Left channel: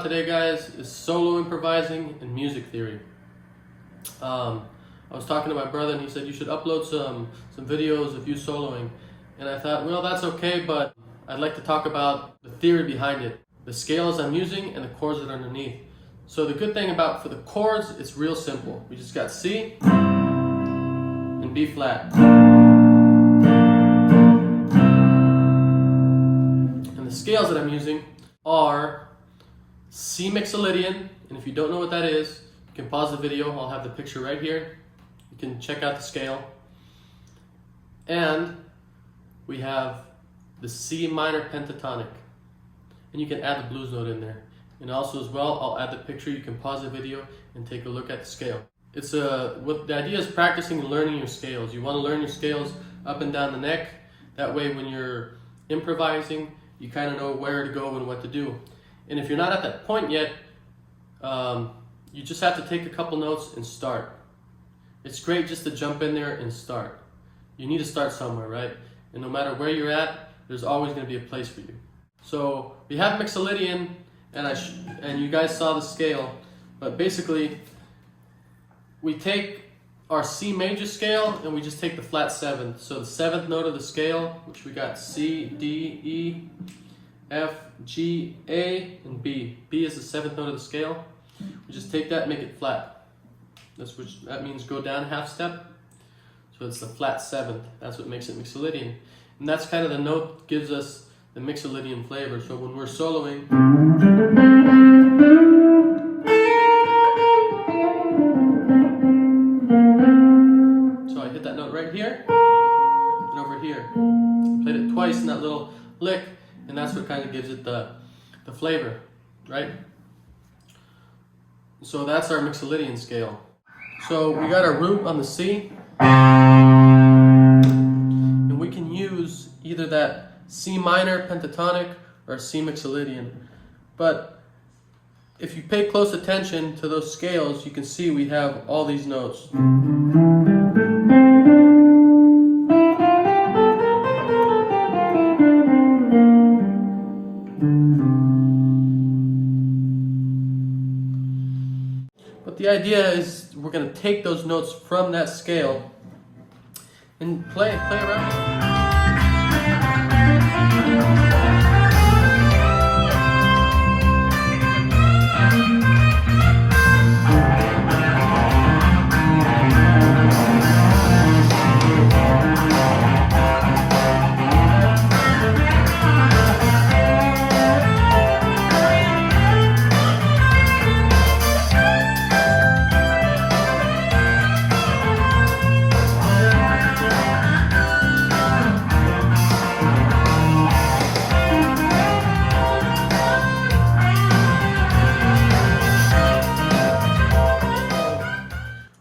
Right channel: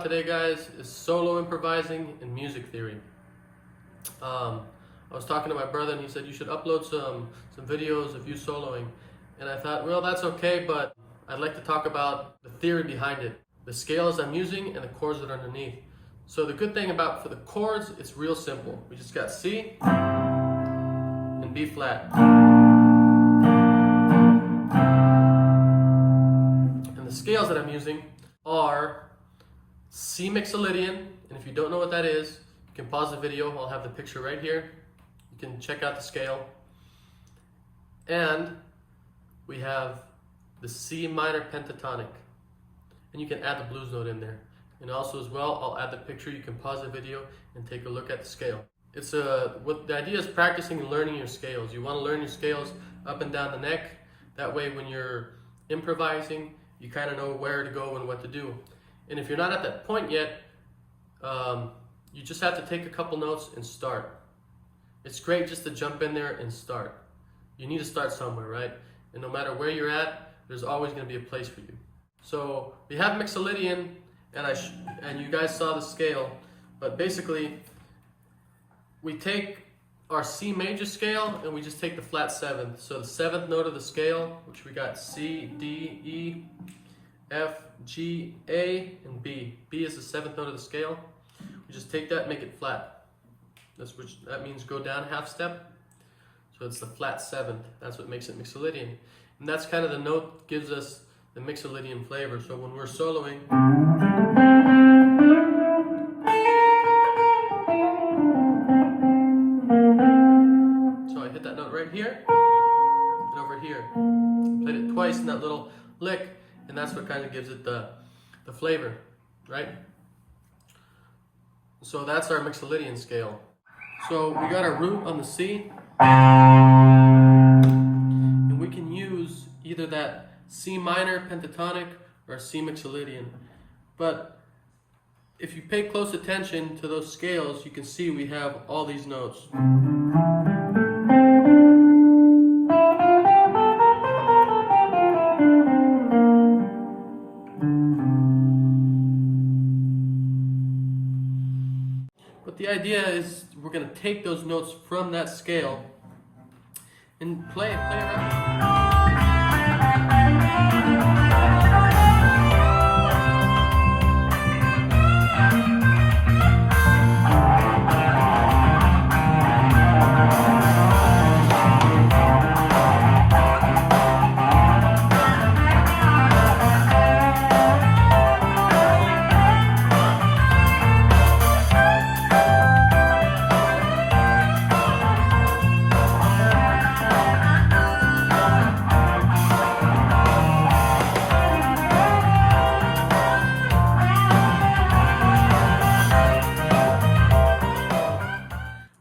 about today, guys, is solo improvising and music theory. I was talking to my brother and he said you should upload some videos of you soloing, and I thought, well, that's okay, but I'd like to talk about the theory behind it, the scales I'm using and the chords that are underneath. So the good thing about for the chords, it's real simple. We just got C and B flat. And the scales that I'm using are C mixolydian, and if you don't know what that is, you can pause the video. I'll have the picture right here. You can check out the scale. And we have the C minor pentatonic, and you can add the blues note in there. And also as well, I'll add the picture. You can pause the video and take a look at the scale. It's what the idea is, practicing and learning your scales. You want to learn your scales up and down the neck. That way when you're improvising, you kind of know where to go and what to do. And if you're not at that point yet, you just have to take a couple notes and start. It's great just to jump in there and start. You need to start somewhere, right? And no matter where you're at, there's always going to be a place for you. So we have mixolydian, and you guys saw the scale, but basically we take our C major scale and we just take the flat seventh. So the seventh note of the scale, which we got C, D, E, F, G, A, and B. B is the seventh note of the scale. We just take that and make it flat. That means go down half step. So it's the flat seventh. That's what makes it mixolydian. And that's kind of the note that gives us the mixolydian flavor. So when we're soloing, so I hit that note right here and over here. I played it twice in that little lick, and that's what kind of gives it the flavor, right? So that's our mixolydian scale. So we got our root on the C, and we can use either that C minor pentatonic or C mixolydian. But if you pay close attention to those scales, you can see we have all these notes. But the idea is we're going to take those notes from that scale and play around with them.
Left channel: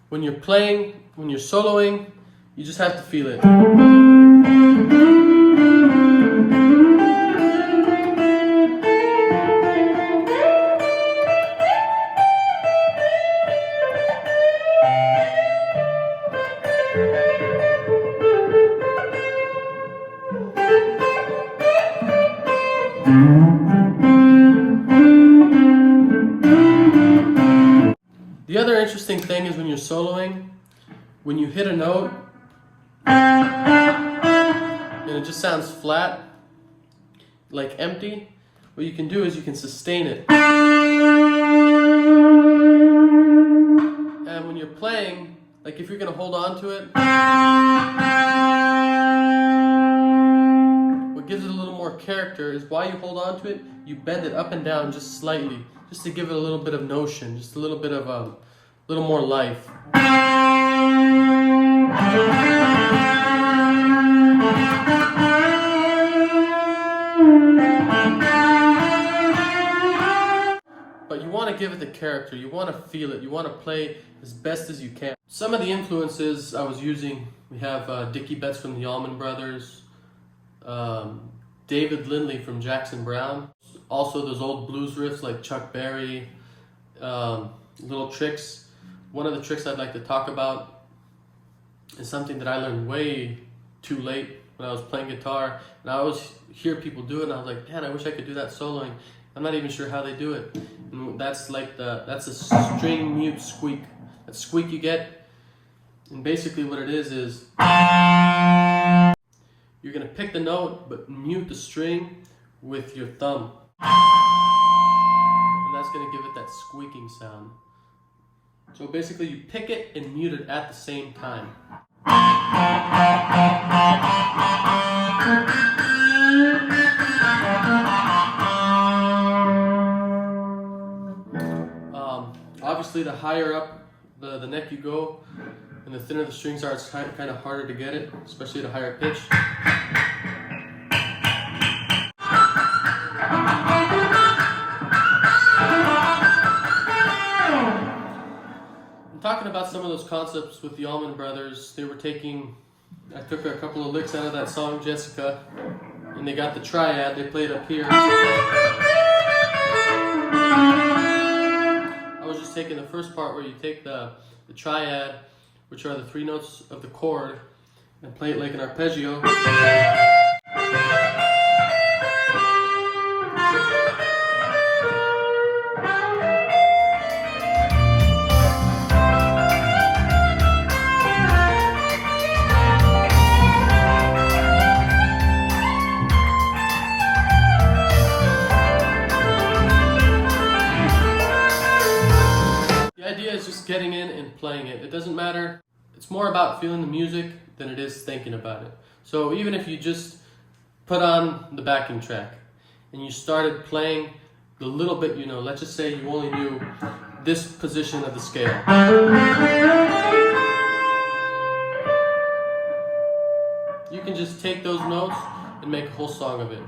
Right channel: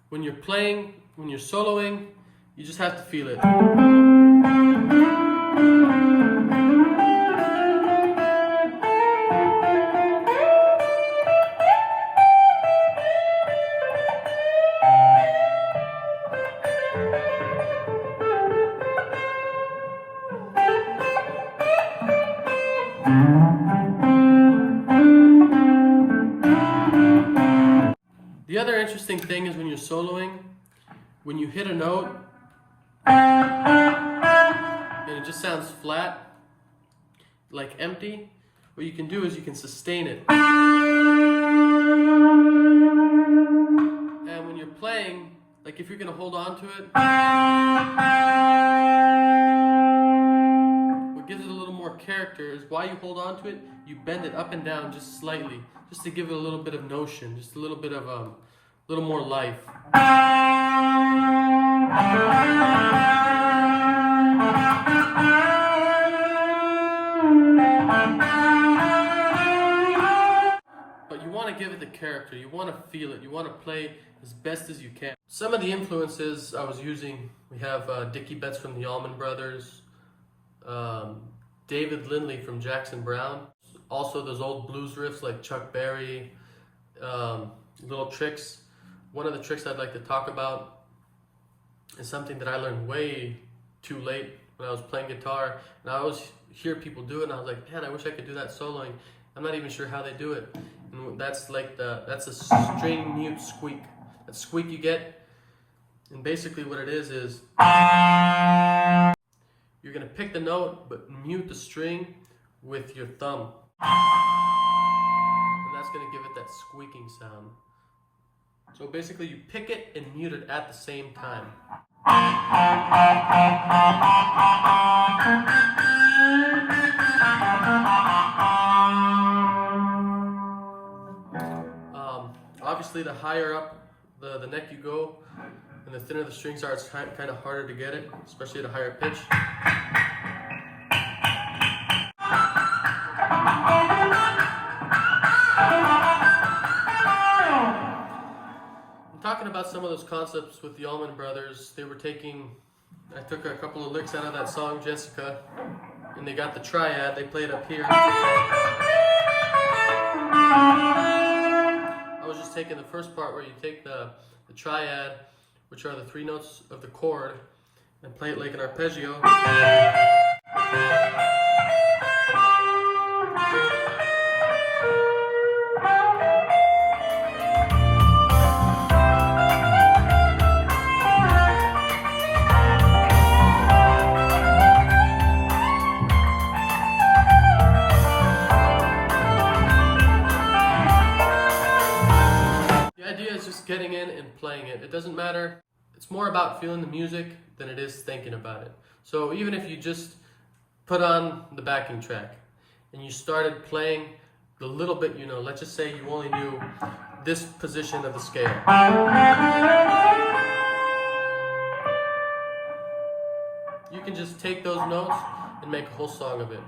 When you're playing, when you're soloing, you just have to feel it. The other interesting thing is when you're soloing, when you hit a note and it just sounds flat, like empty, what you can do is you can sustain it. And when you're playing, like if you're going to hold on to it, what gives it a little more character is while you hold on to it, you bend it up and down just slightly, just to give it a little bit of notion, just a little bit of little more life. But you want to give it the character, you want to feel it, you want to play as best as you can. Some of the influences I was using, we have Dickie Betts from the Allman Brothers, David Lindley from Jackson Browne, also those old blues riffs like Chuck Berry, little tricks. One of the tricks I'd like to talk about is something that I learned way too late when I was playing guitar, and I always hear people do it and I was like, man, I wish I could do that soloing. I'm not even sure how they do it. And that's like that's a string mute squeak. That squeak you get, and basically what it is you're gonna pick the note but mute the string with your thumb. And that's gonna give it that squeaking sound. So basically you pick it and mute it at the same time. Obviously the higher up the neck you go and the thinner the strings are, it's kind of harder to get it, especially at a higher pitch. I'm talking about some of those concepts with the Allman Brothers. I took a couple of licks out of that song, Jessica, and they got the triad, they played up here. I was just taking the first part where you take the triad, which are the 3 notes of the chord, and play it like an arpeggio. The idea is just getting in and playing it. It doesn't matter. It's more about feeling the music than it is thinking about it. So even if you just put on the backing track and you started playing the little bit you know, let's just say you only knew this position of the scale. You can just take those notes and make a whole song of it.